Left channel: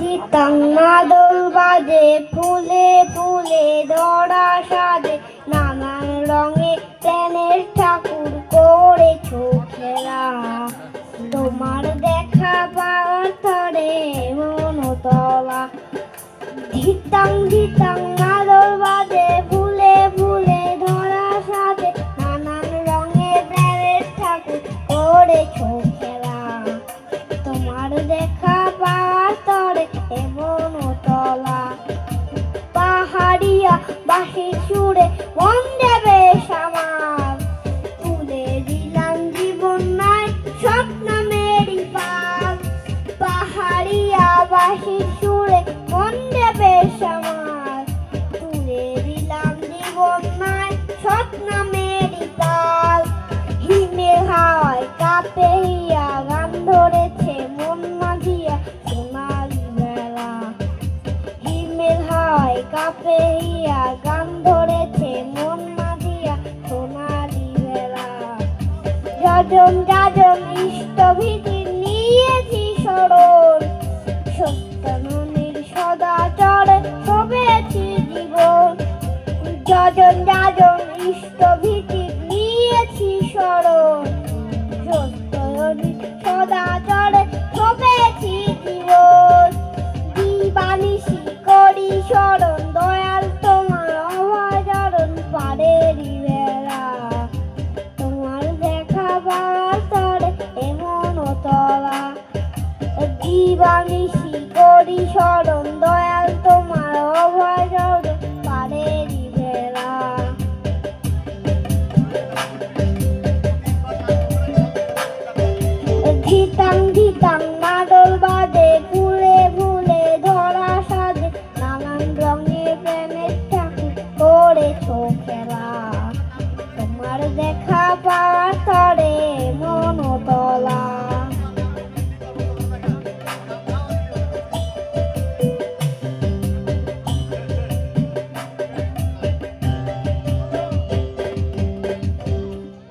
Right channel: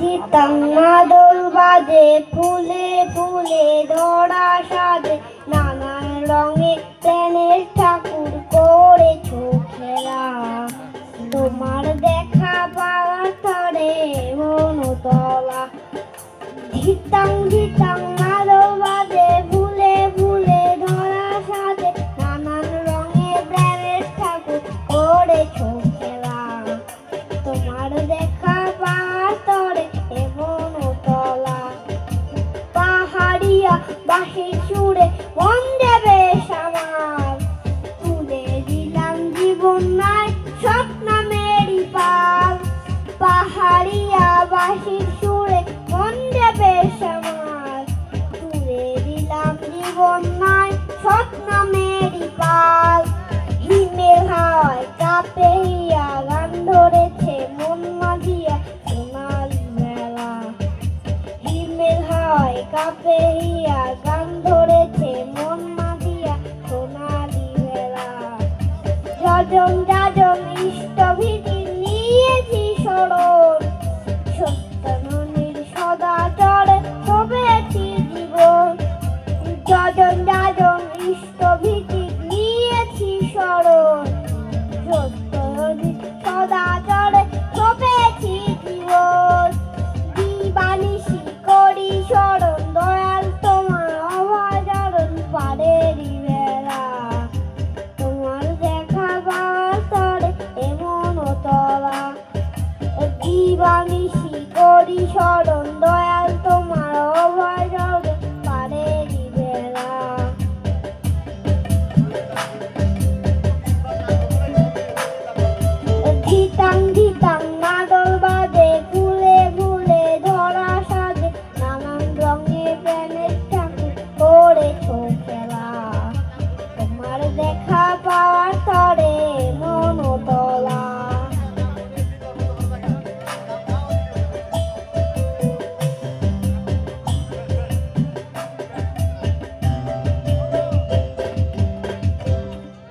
ধিতাং মাদল বাজে, ফুলে ফুলে ধরা সাজে, নানান রঙে প্রাণের ঠাকুর করেছো খেলা। তোমার দেখা পাওয়ার তরে মনতলা। ধিতাং ধিতাং মাদল বাজে, ফুলে ফুলে ধরা সাজে, নানান রঙে প্রাণের ঠাকুর করেছো খেলা। তোমার দেখা পাওয়ার তরে মনতলা। পাহাড়িয়া বাঁশির সুরে মন যাবে সামাল, তুলে দিলাম জীবন নাই স্বপ্ন মেরি পাল। পাহাড়িয়া বাঁশির